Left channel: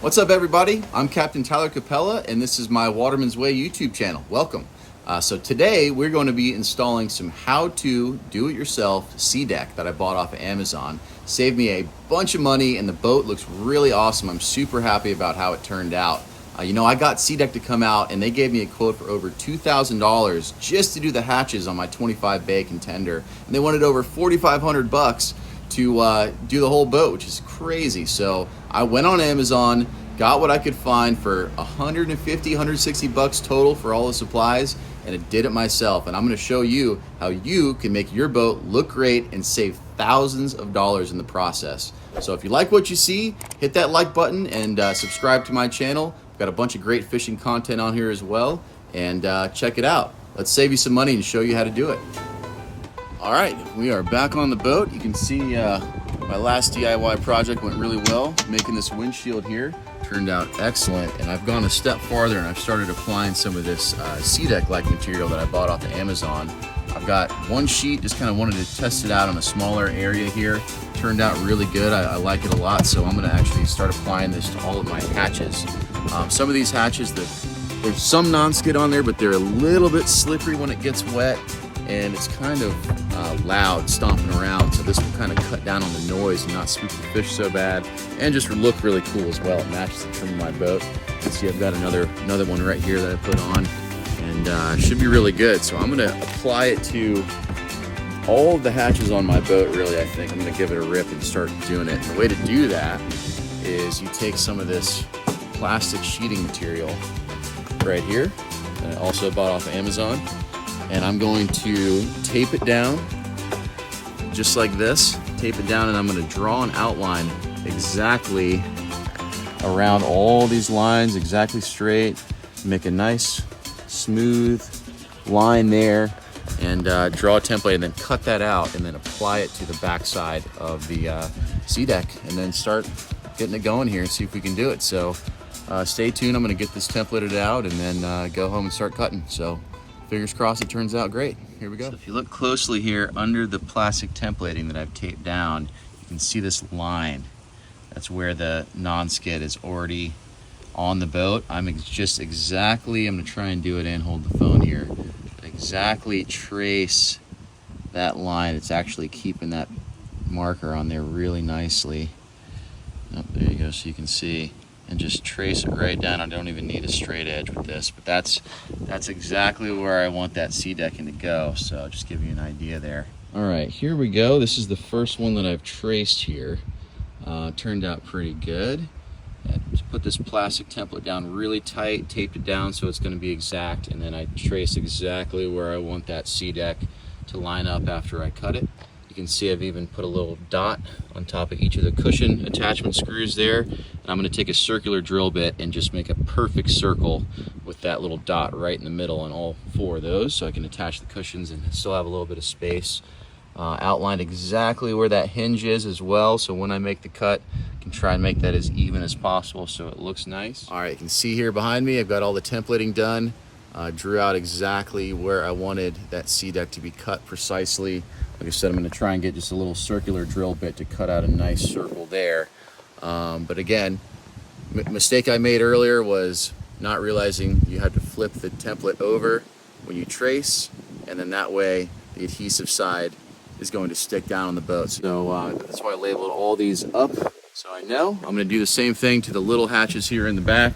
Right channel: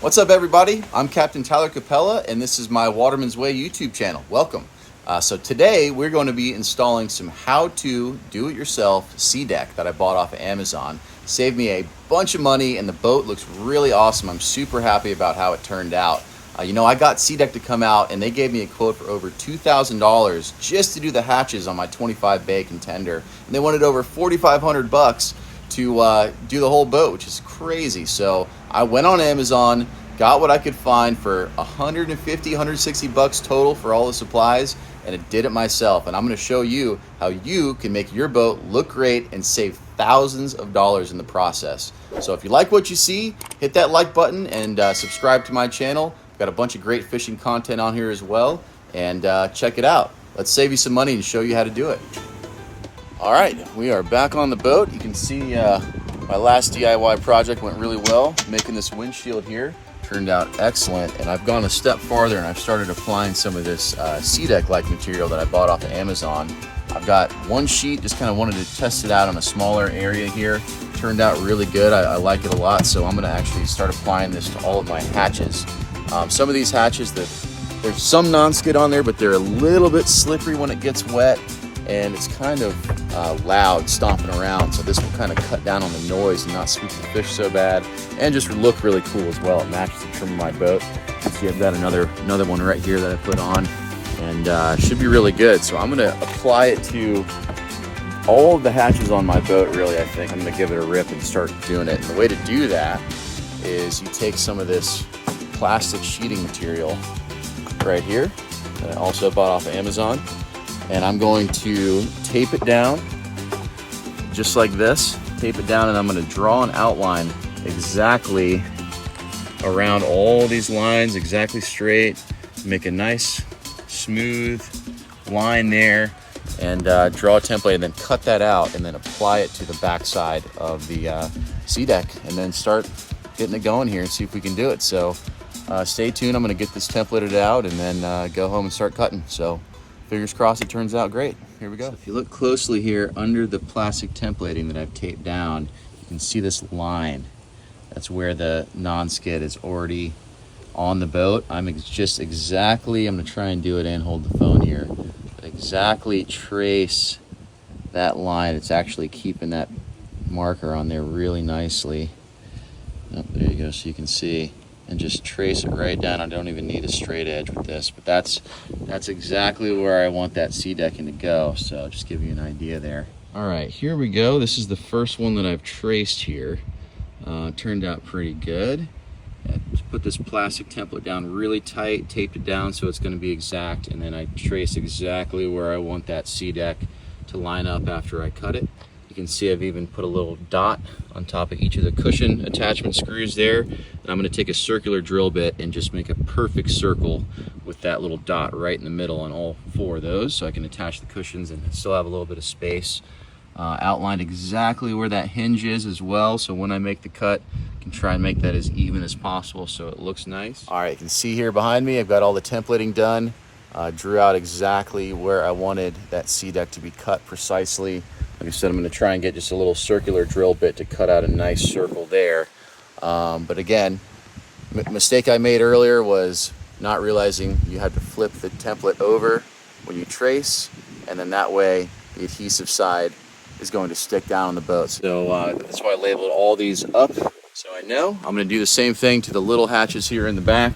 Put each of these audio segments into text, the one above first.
What's up, everybody? I'm Captain Tyler Capella, and this is my Waterman's Way YouTube channel. Welcome. So today we're going to be installing some how-to do-it-yourself SeaDek that I bought off of Amazon. Saved me a bunch of money, and the boat looks really awesome. I'm super happy about how it turned out. I got SeaDek to come out, and they gave me a quote for over $2,000 just to do the hatches on my 25 bay contender, and they wanted over $4,500 to do the whole boat, which is crazy. So I went on Amazon, got what I could find for $150, $160 total for all the supplies, and I did it myself. And I'm going to show you how you can make your boat look great and save thousands of dollars in the process. So if you like what you see, hit that like button and subscribe to my channel. I've got a bunch of great fishing content on here as well, and check it out. Let's save you some money and show you how to do it. All right, we are back on the boat. You can see my last DIY project went really well. Making this windshield here turned out excellent, and I've gone a step farther and I've started applying some of this SeaDek-like material that I bought off of Amazon. I've got one sheet, just kind of wanted to test it out on a smaller area here. Turned out really good. I like it a lot, so I'm gonna actually start applying this to all of my hatches. Some of these hatches, there's some non-skid on there, but they're a little bit slippery when it gets wet, and it's kind of loud stomping around, so this will kind of cut down on the noise and not spook the fish so bad, and just look really cool as well. It matches the trim of my boat. You can see I've got another one right here that I put on, and should be really good. So I'm gonna apply it to all of the hatches on my boat, really. I think I'm gonna give it a rip and start doing it. And the way to do that is you take some of this plastic sheeting material right here that I also bought off of Amazon, and I'm going to tape it down just like this. Tape it down, and I'm going to draw an outline exactly around all these lines, exactly straight. Make a nice smooth line there, and draw a template, and then cut that out, and then apply it to the back side of the SeaDek, and then start getting it going here and see if we can do it. So stay tuned. I'm going to get this templated out and then go home and start cutting. So fingers crossed it turns out great. Here we go. So if you look closely here under the plastic templating that I've taped down, you can see this line. That's where the non-skid is already on the boat. I'm just exactly, I'm gonna try and do it and hold the phone here. Exactly trace that line. It's actually keeping that marker on there really nicely. Oh, there you go, so you can see. And just trace it right down. I don't even need a straight edge with this, but that's exactly where I want that SeaDecking to go. So just give you an idea there. All right, here we go. This is the first one that I've traced here. Turned out pretty good. Just put this plastic template down really tight, taped it down so it's going to be exact, and then I trace exactly where I want that SeaDek to line up after I cut it. You can see I've even put a little dot on top of each of the cushion attachment screws there. And I'm going to take a circular drill bit and just make a perfect circle with that little dot right in the middle on all four of those, so I can attach the cushions and still have a little bit of space. Outlined exactly where that hinge is as well, so when I make the cut, I can try and make that as even as possible so it looks nice. All right, you can see here behind me, I've got all the templating done. Drew out exactly where I wanted that SeaDek to be cut precisely. Like I said, I'm going to try and get just a little circular drill bit to cut out a nice circle there. But again, mistake I made earlier was not realizing you had to flip the template over when you trace, and then that way the adhesive side is going to stick down on the boat. So that's why I labeled all these up, so I know. I'm going to do the same thing to the little hatches here in the back,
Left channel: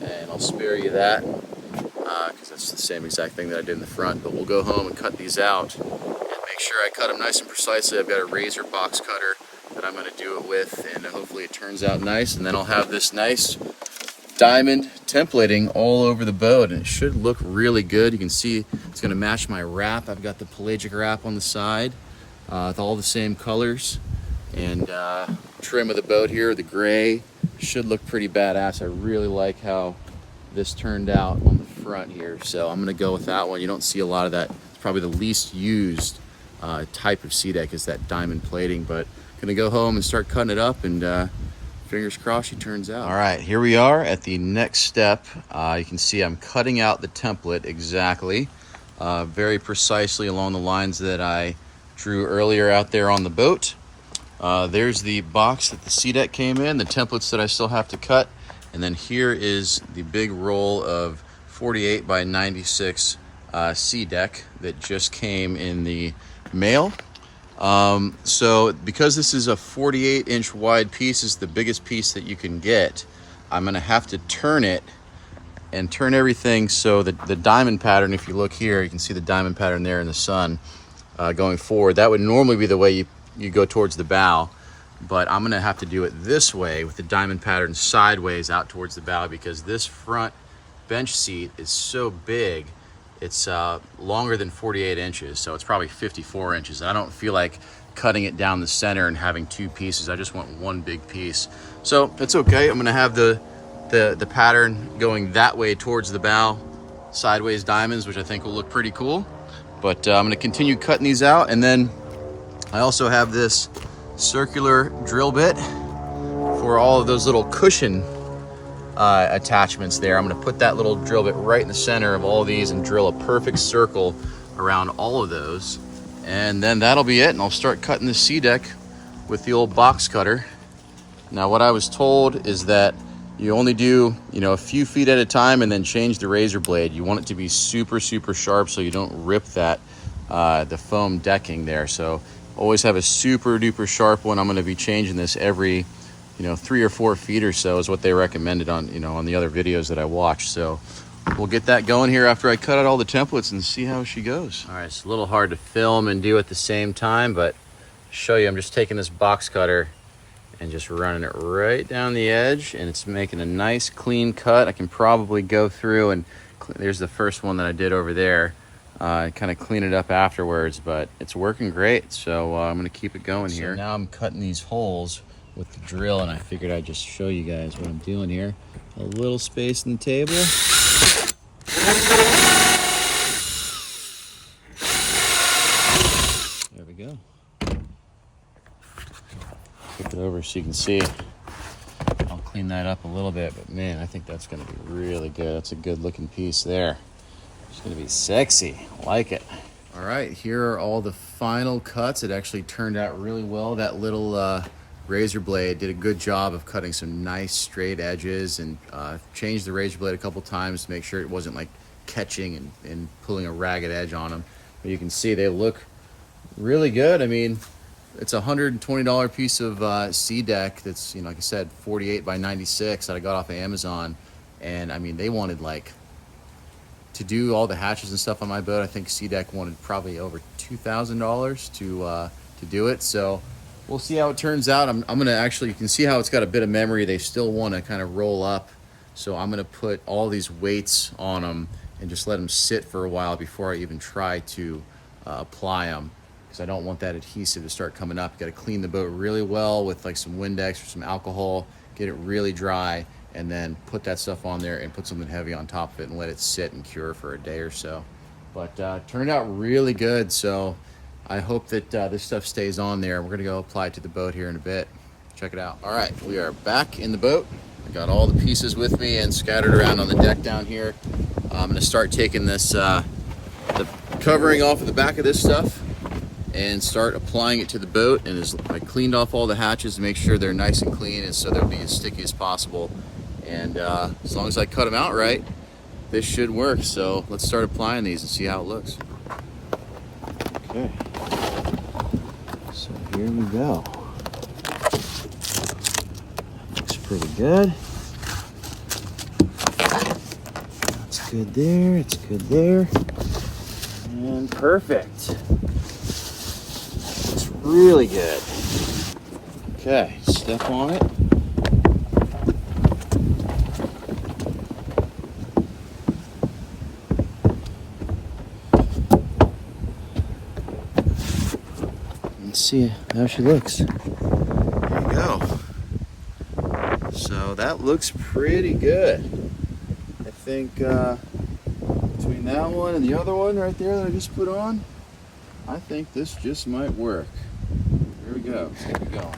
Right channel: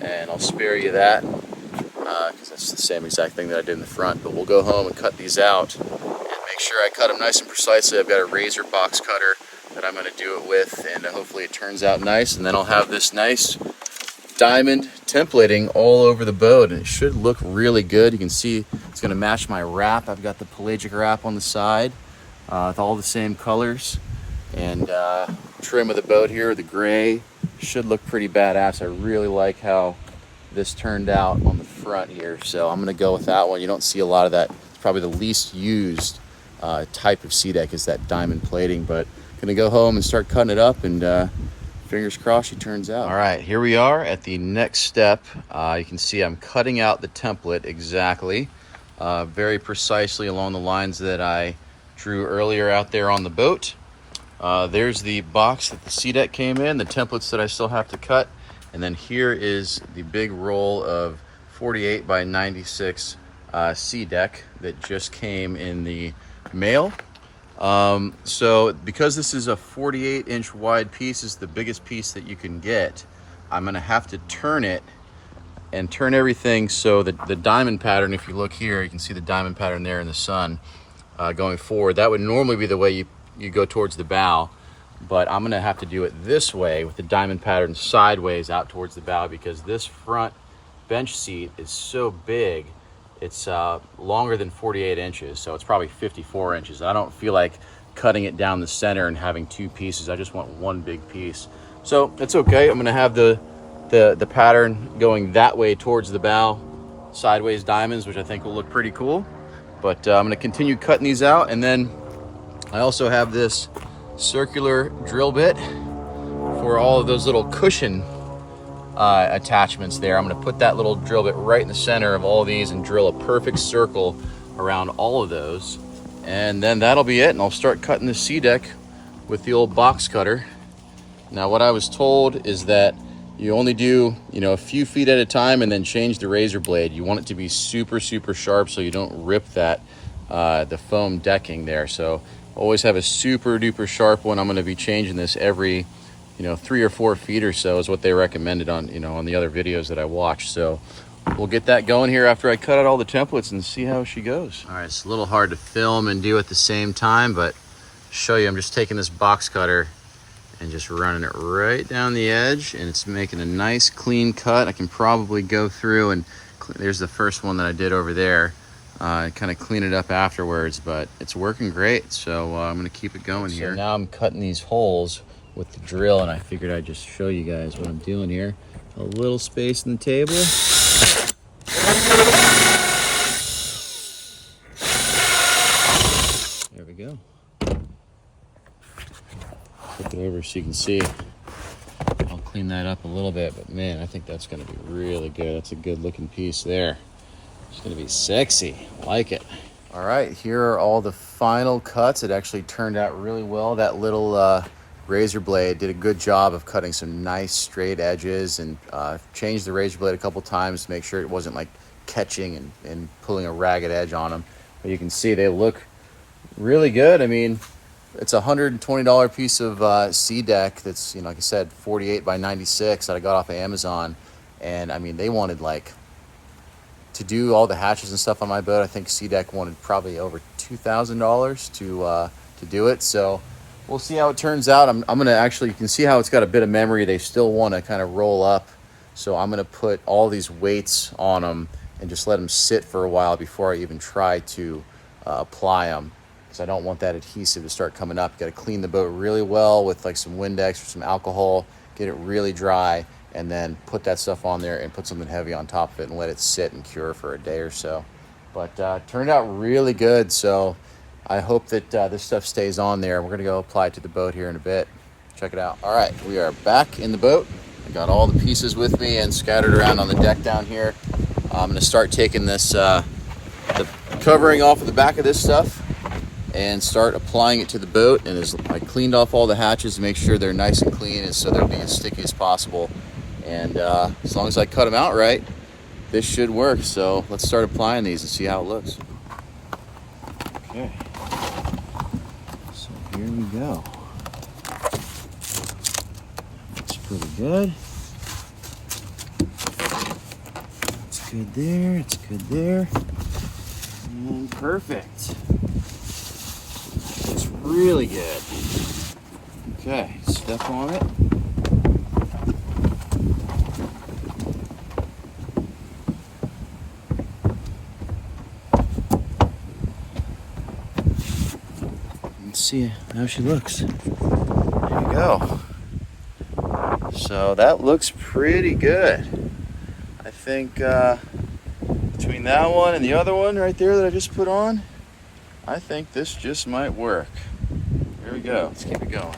and I'll spare you that because that's the same exact thing that I did in the front. But we'll go home and cut these out. Make sure I cut them nice and precisely. I've got a razor box cutter that I'm going to do it with, and hopefully it turns out nice, and then I'll have this nice diamond templating all over the boat, and it should look really good. You can see it's going to match my wrap. I've got the pelagic wrap on the side with all the same colors, and trim of the boat here, the gray, should look pretty badass. I really like how this turned out on the front here, so I'm going to go with that one. You don't see a lot of that. Probably the least used type of SeaDek is that diamond plating, but gonna go home and start cutting it up, and fingers crossed she turns out. All right, here we are at the next step. You can see I'm cutting out the template exactly, very precisely along the lines that I drew earlier out there on the boat. There's the box that the SeaDek came in, the templates that I still have to cut. And then here is the big roll of 48 by 96 SeaDek that just came in the mail. So because this is a 48-inch wide piece, is the biggest piece that you can get, I'm gonna have to turn it and turn everything so that the diamond pattern, if you look here, you can see the diamond pattern there in the sun going forward. That would normally be the way you go towards the bow, but I'm gonna have to do it this way with the diamond pattern sideways out towards the bow, because this front bench seat is so big. It's longer than 48 inches, so it's probably 54 inches. I don't feel like cutting it down the center and having two pieces. I just want one big piece. So it's okay. I'm gonna have the pattern going that way towards the bow, sideways diamonds, which I think will look pretty cool. But I'm gonna continue cutting these out, and then I also have this circular drill bit for all of those little cushion attachments there. I'm gonna put that little drill bit right in the center of all these and drill a perfect circle around all of those. And then that'll be it, and I'll start cutting the SeaDek with the old box cutter. Now what I was told is that you only do, a few feet at a time and then change the razor blade. You want it to be super, super sharp so you don't rip that, the foam decking there. So always have a super duper sharp one. I'm gonna be changing this every 3 or 4 feet or so is what they recommended on, on the other videos that I watched. So we'll get that going here after I cut out all the templates and see how she goes. All right, it's a little hard to film and do at the same time, but show you, I'm just taking this box cutter and just running it right down the edge, and it's making a nice clean cut. I can probably go through and there's the first one that I did over there, kind of clean it up afterwards, but it's working great. So I'm gonna keep it going here. Now I'm cutting these holes with the drill, and I figured I'd just show you guys what I'm doing here. A little space in the table. There we go. Flip it over so you can see. I'll clean that up a little bit, but man, I think that's gonna be really good. That's a good looking piece there. It's gonna be sexy, I like it. All right, here are all the final cuts. It actually turned out really well. That little razor blade did a good job of cutting some nice straight edges, and changed the razor blade a couple times to make sure it wasn't like catching and pulling a ragged edge on them. But you can see they look really good. I mean, it's a $120 piece of SeaDek that's, like I said, 48 by 96 that I got off of Amazon. And I mean, they wanted to do all the hatches and stuff on my boat. I think SeaDek wanted probably over $2,000 to do it. So we'll see how it turns out. I'm gonna actually, you can see how it's got a bit of memory. They still want to kind of roll up. So I'm gonna put all these weights on them and just let them sit for a while before I even try to apply them, because I don't want that adhesive to start coming up. You gotta clean the boat really well with like some Windex or some alcohol, get it really dry, and then put that stuff on there and put something heavy on top of it and let it sit and cure for a day or so. But turned out really good. So I hope that this stuff stays on there. We're gonna go apply it to the boat here in a bit. Check it out. All right, we are back in the boat. I got all the pieces with me and scattered around on the deck down here. I'm gonna start taking this, the covering off of the back of this stuff and start applying it to the boat. And as I cleaned off all the hatches to make sure they're nice and clean, and so they'll be as sticky as possible. And as long as I cut them out right, this should work. So let's start applying these and see how it looks. Okay, so here we go. Looks pretty good. That's good there, it's good there. And perfect. It's really good. Okay, step on it. See how she looks. There you go. So that looks pretty good. I think between that one and the other one right there that I just put on, I think this just might work. Here we go. Let's get it going.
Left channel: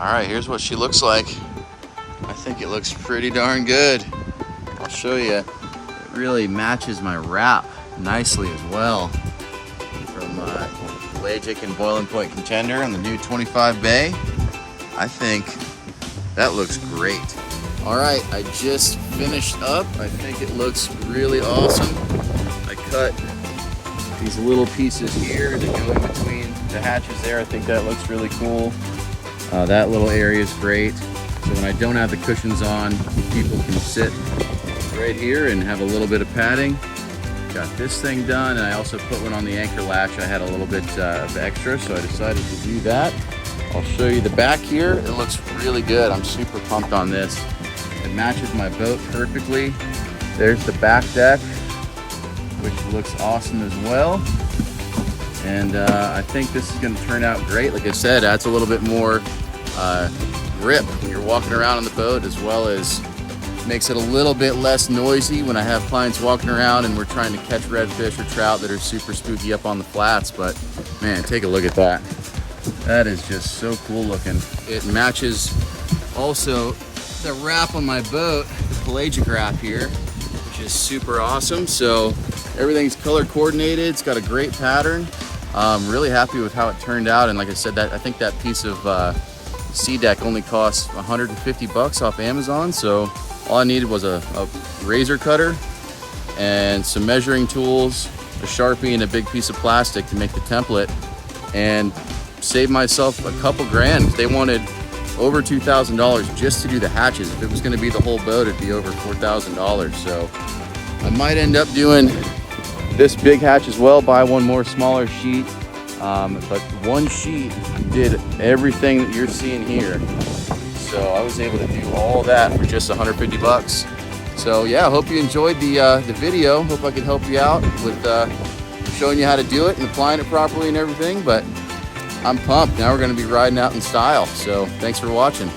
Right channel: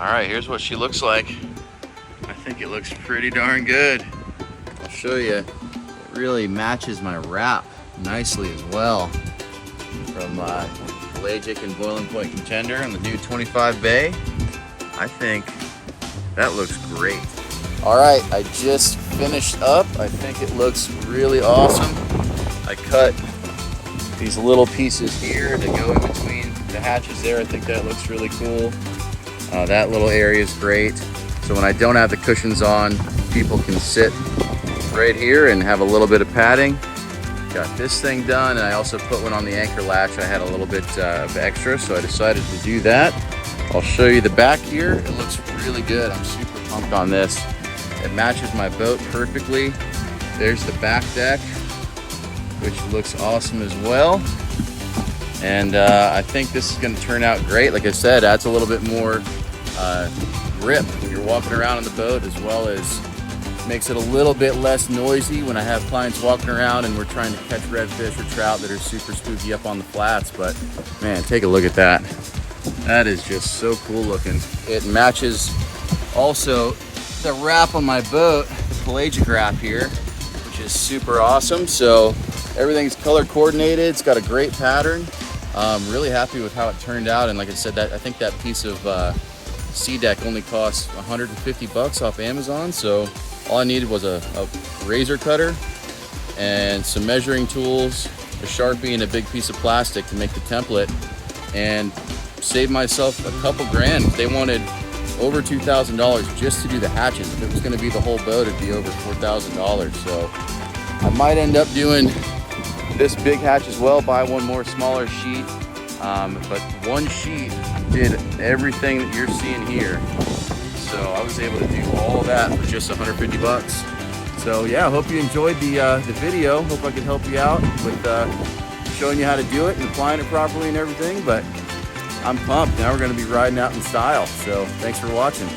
All right, here's what she looks like. I think it looks pretty darn good. I'll show you. It really matches my wrap nicely as well. From pelagic and boiling point contender on the new 25 bay. I think that looks great. All right, I just finished up. I think it looks really awesome. I cut these little pieces here to go in between the hatches there. I think that looks really cool. That little area is great. So when I don't have the cushions on, people can sit right here and have a little bit of padding. Got this thing done, and I also put one on the anchor latch. I had a little bit of extra, so I decided to do that. I'll show you the back here. It looks really good. I'm super pumped on this. It matches my boat perfectly. There's the back deck, which looks awesome as well. And I think this is gonna turn out great. Like I said, adds a little bit more grip when you're walking around on the boat, as well as makes it a little bit less noisy when I have clients walking around and we're trying to catch redfish or trout that are super spooky up on the flats. But man, take a look at that. That is just so cool looking. It matches also the wrap on my boat, the pelagic wrap here, which is super awesome. So everything's color coordinated. It's got a great pattern. I'm really happy with how it turned out. And like I said, I think that piece of SeaDek only cost 150 bucks off Amazon. So all I needed was a razor cutter and some measuring tools, a Sharpie, and a big piece of plastic to make the template, and save myself a couple grand. If they wanted over $2,000 just to do the hatches. If it was gonna be the whole boat, it'd be over $4,000. So I might end up doing this big hatch as well, buy one more smaller sheet. But one sheet did everything that you're seeing here. So I was able to do all that for just 150 bucks. So yeah, I hope you enjoyed the video. Hope I could help you out with showing you how to do it and applying it properly and everything. But I'm pumped. Now we're gonna be riding out in style. So thanks for watching.